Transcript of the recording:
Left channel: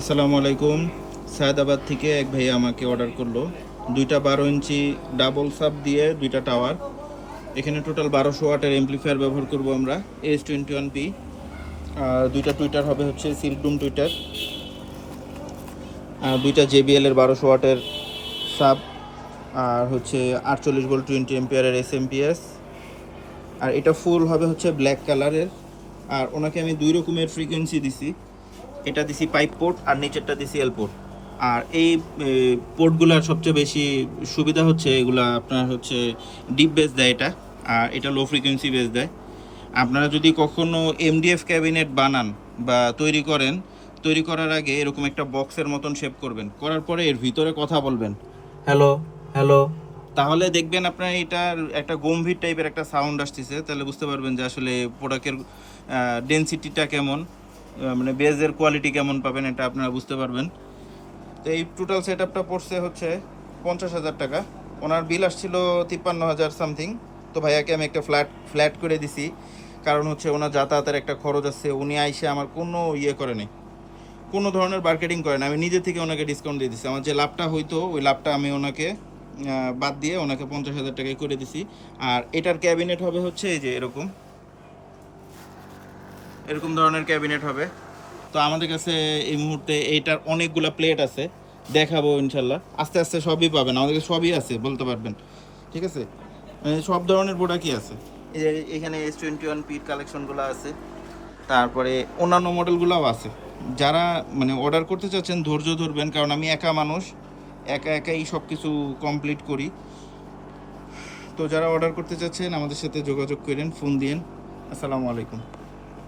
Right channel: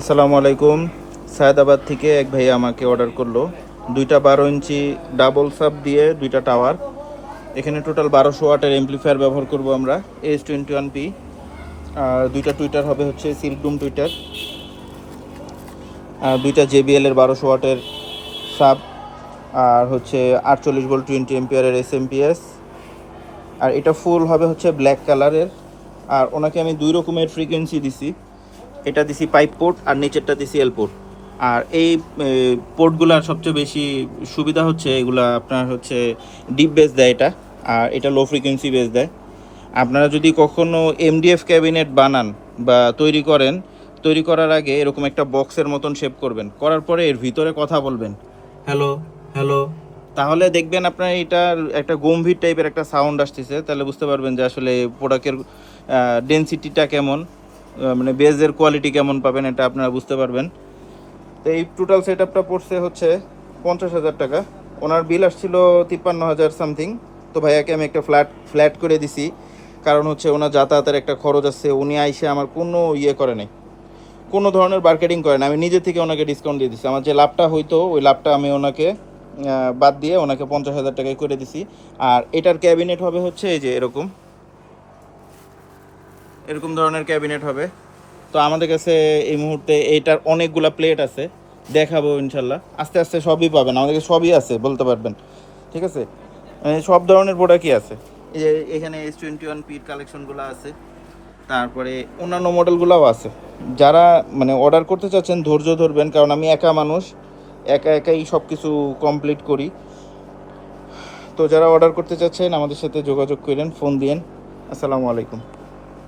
আসসালামু আলাইকুম। সায়দাবাদ থেকে এক ভাইয়া আমাকে অর্ডার করলো দুইটা 12 ইঞ্চি ডাবল সাব দিয়ে দুইটা টাওয়ার। এখানে টোটাল 1200 ওয়াটের এমপ্লিফায়ার ব্যবহার করব আমরা, S21P। আর দুইটা টুইটার হবে হচ্ছে সিল্কডুম টুইটার, আর দুইটা JBL এর 1200 ওয়াটের সাব, আর হচ্ছে 48 ভোল্ট 20 এম্পিয়ারের SMPS। আর এটা ফুল হবে হচ্ছে ব্ল্যাক কালারের। আর ওনাকে আমি দুই রকমের ফ্রিকোয়েন্সি দিছি, এটা দিছি পাইপ পোর্ট আর নিচেরটা দিছি এল পোর্ট। আর এই পোর্টগুলার সবচেয়ে বেশি সুবিধা হচ্ছে এগুলা আপনার হচ্ছে ডিপ বেস দেয় এটা, আর এটা লো ফ্রিকোয়েন্সি বেস দেয়। আপনারা যদি কখনো MDF ক্যাবিনেট বানান বা তৈরি করেন, তৈরি করার আগে এরকম একটা বক্সের মতন শেপ করবেন, করার পরে এর ভিতরে কথা বলবেন, হ্যালো হ্যালো। তাহলে দেখবেন আপনার এটা একটা গম্ভীর টাইপের একটা সাউন্ড আসতেছে, তাহলে বুঝতে পারবেন যে আসলে প্রোডাক্টের ডেনসিটিটা কেমন, মানে বেজের কোয়ালিটি কেমন পাবেন, এটা আপনারা বুঝতে পারবেন। তো এই টোটাল সেট আপটা পড়ছে হচ্ছে 50,000 টাকা। ওনার বিল আসছিল 53,000 সামথিং। তো ভাইয়াকে আমি একটা ফ্ল্যাট করে দিছি, কারণ হচ্ছে ওনার যাতায়াতের একটা খরচ আছে। উনি আইসে আমার কোনো ইয়ে করে নাই, কোনো ধরনের মার্কেটিং করে না, আমি নিজে থেকে ওনাকে ডিসকাউন্ট দিয়ে দিচ্ছি। আমার যে লাভটা হইতো ওই লাভটা আমি ওনাকে বাদ দিয়ে ওনাকে 50,000 টাকায় করে দিছি। আর এটার ক্যাবিনেট হবে হচ্ছে এই যে এরকম এরকম ধরনের ক্যাবিনেট হবে। তো আমাদের কাছে এই মুহূর্তে এইটার অনেকগুলা প্লেট আছে, দেখাবো ইনশাল্লাহ। আস্তে আস্তে সবই পাবেন, আমাদের কাছে সবই আছে বলতে পারবেন। ঠিক আছে, সব ধরনের প্রোডাক্টই আছে। এই যে এখানে S21P কালেকশনগুলো আছে, তারপরে অন্যান্য মডেলগুলোও আছে। যারা মানে অর্ডার করতে চাচ্ছেন ধৈর্য ধরবেন, কারণ আমি একা মানুষ, একাই সব কিছু কমপ্লিট করি। তো যারা অর্ডার করতে চাচ্ছেন আমাদের সাথে যোগাযোগ করেন, ফোন দিয়েন। আসসালামু আলাইকুম।